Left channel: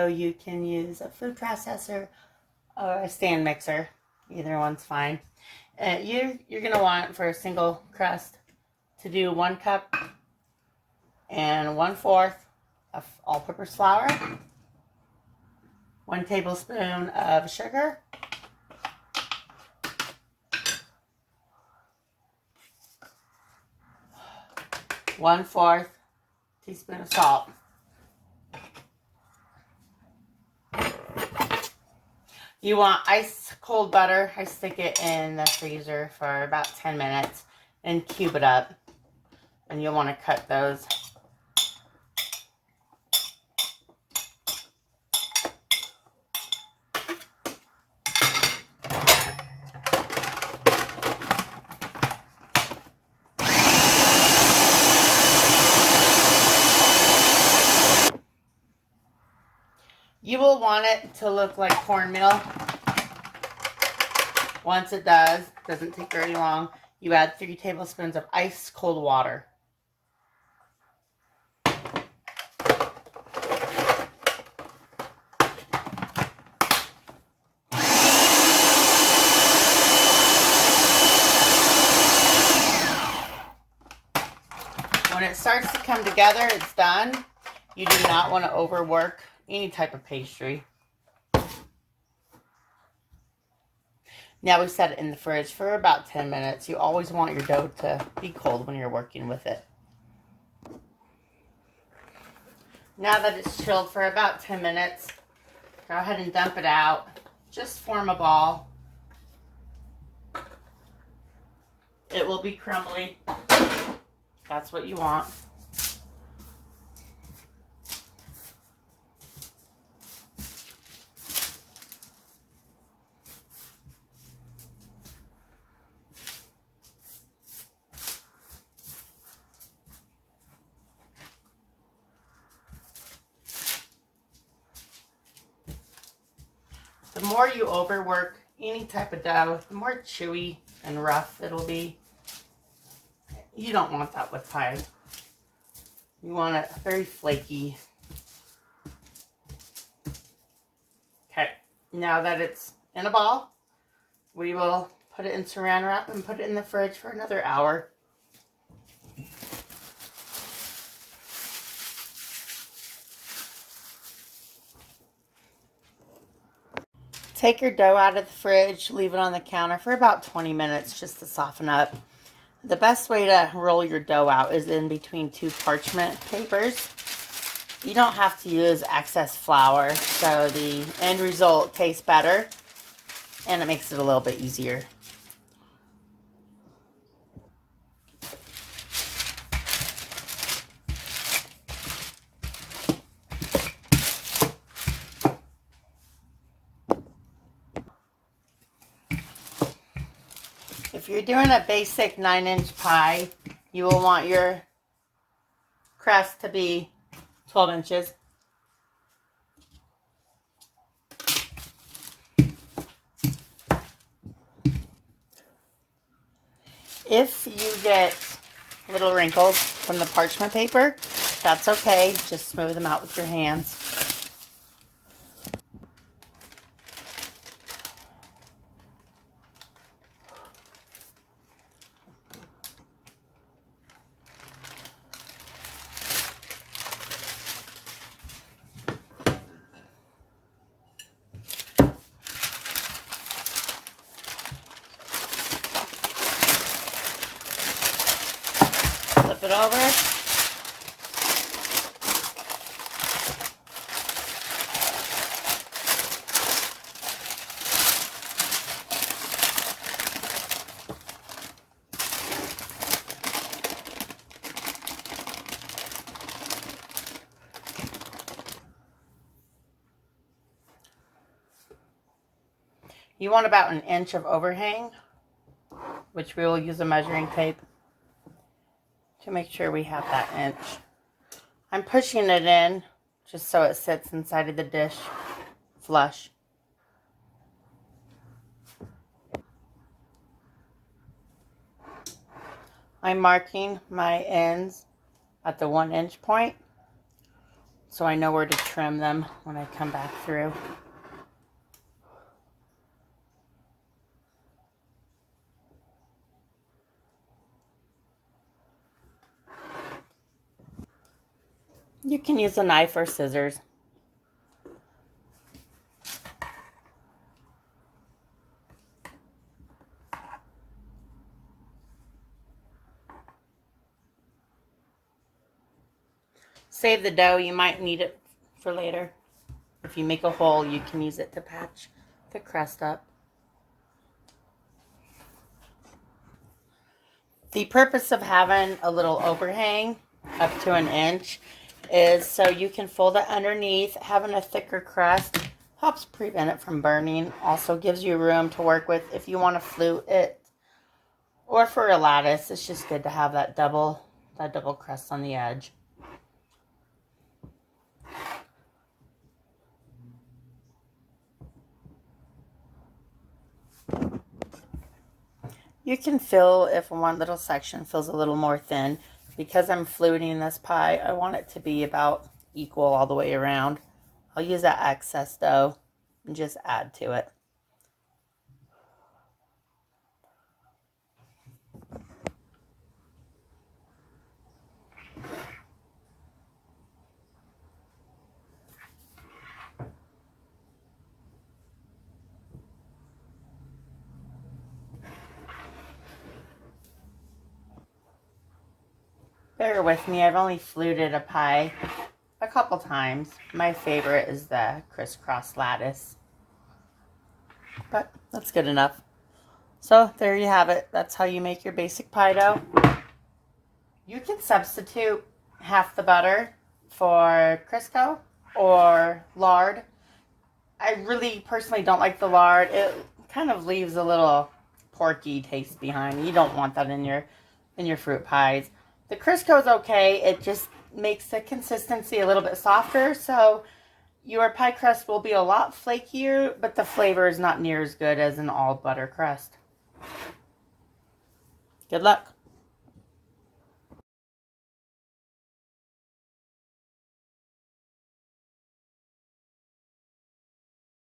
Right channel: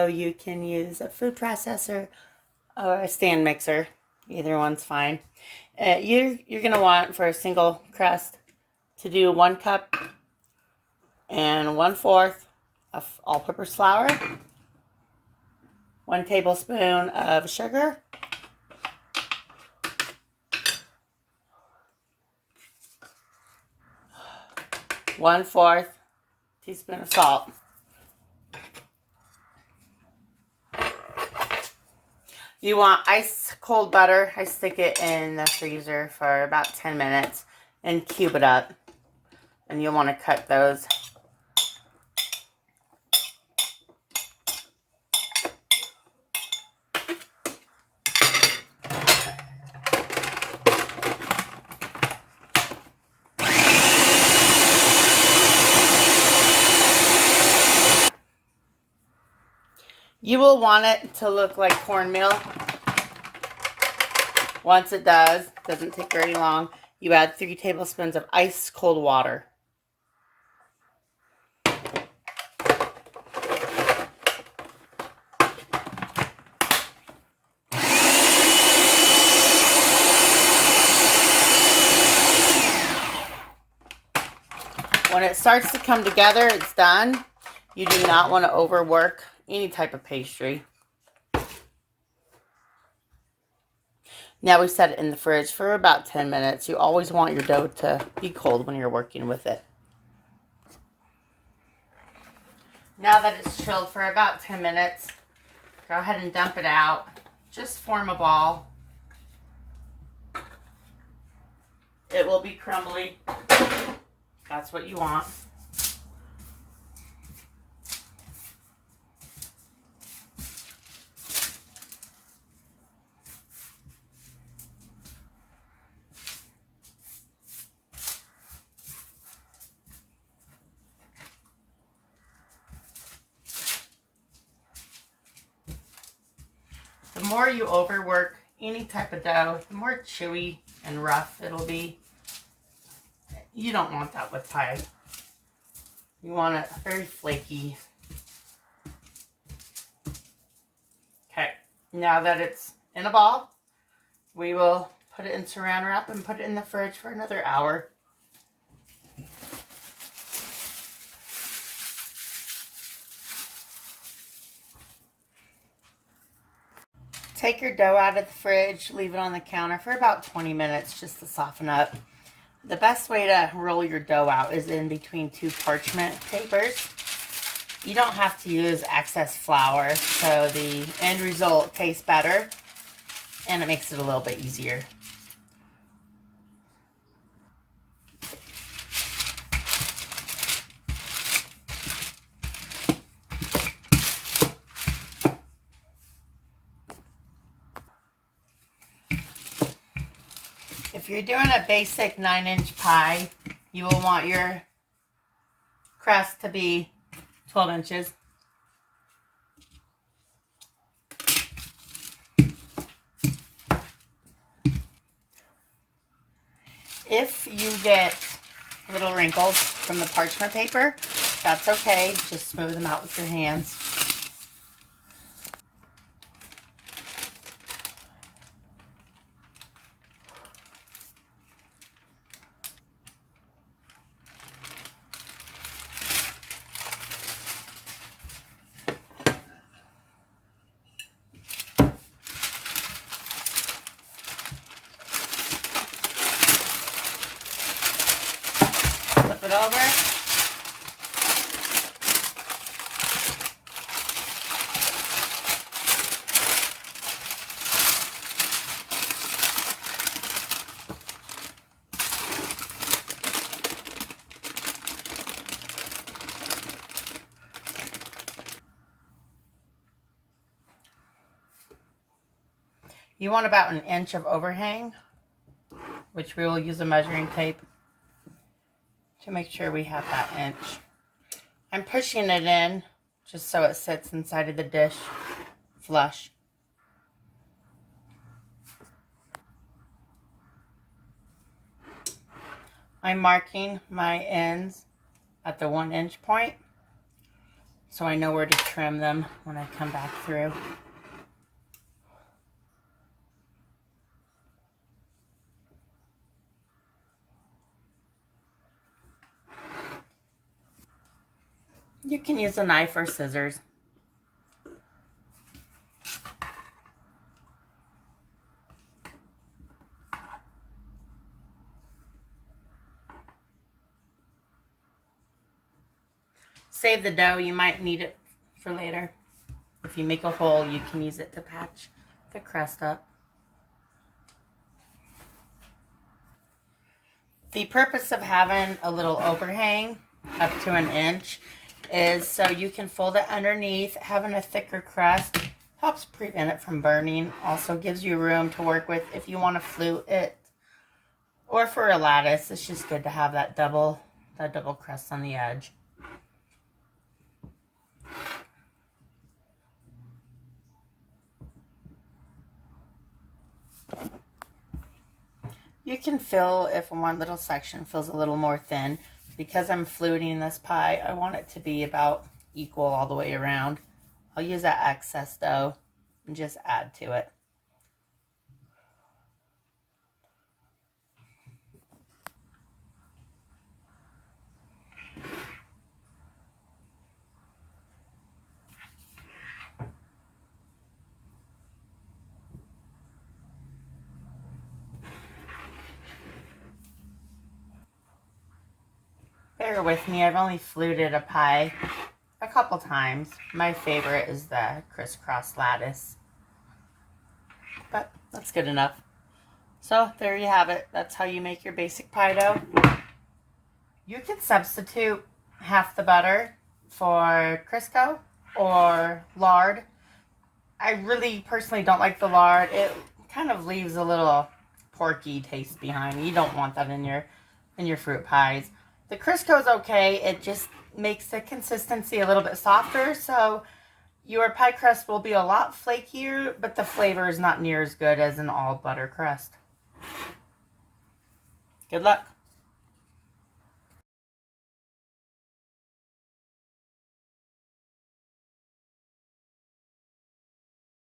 So you can use a food processor or a stand mixer. Either one's fine. You're going to want, for a single crust, to do 1 cup and 1/4 of all-purpose flour, 1 tablespoon of sugar, 1/4 teaspoon of salt. You want ice cold butter. I stick it in the freezer for about 10 minutes and cube it up. And you'll want to cut those. You will want it to look like cornmeal. Once it does, doesn't take very long, you add 3 tablespoons of ice cold water. When it starts to come together, it's done. You do not want to overwork any type of pastry. Now we set it in the fridge for about 10 minutes. You always want your dough to be cold when you're working with it. Now that it's chilled for about 10 minutes, go ahead and dump it out. Just form a ball. It will be crumbly. That's what you want. The more you overwork any type of dough, the more chewy and rough it'll be. You don't want that with pie. You want it very flaky. Okay, now that it's in a ball, we will put it in saran wrap and put it in the fridge for another hour. Take your dough out of the fridge, leave it on the counter for about 20 minutes just to soften up. The best way to roll your dough out is in between 2 parchment papers. You don't have to use excess flour, so the end result tastes better and it makes it a little bit easier. If you're doing a basic 9-inch pie, you will want your crust to be 12 inches. If you get little wrinkles from the parchment paper, that's okay. Just smooth them out with your hands. Flip it over. You want about 1 inch of overhang, which we will use a measuring tape to make sure we have that inch. I'm pushing it in just so it sits inside of the dish flush. I'm marking my ends at the 1 inch point so I know where to trim them when I come back through. You can use a knife or scissors. Save the dough, you might need it for later. If you make a hole, you can use it to patch the crust up. The purpose of having a little overhang up to 1 inch is so you can fold it underneath. Having a thicker crust helps prevent it from burning. Also gives you room to work with if you want to flute it. Or for a lattice, it's just good to have that double crust on the edge. You can fill if one little section feels a little more thin. Because I'm fluting this pie, I want it to be about equal all the way around. I'll use that excess dough and just add to it. Bear with me, I've only fluted a pie a couple times. My favorite is the crisscross lattice. But that's good enough. So there you have it. That's how you make your basic pie dough. You can substitute half the butter for Crisco or lard. I really personally don't like the lard. It kind of leaves a little porky taste behind. You don't want that in your fruit pies. The Crisco is okay. It just makes the consistency a little bit softer, so your pie crust will be a lot flakier, but the flavor is not near as good as an all butter crust. Good luck.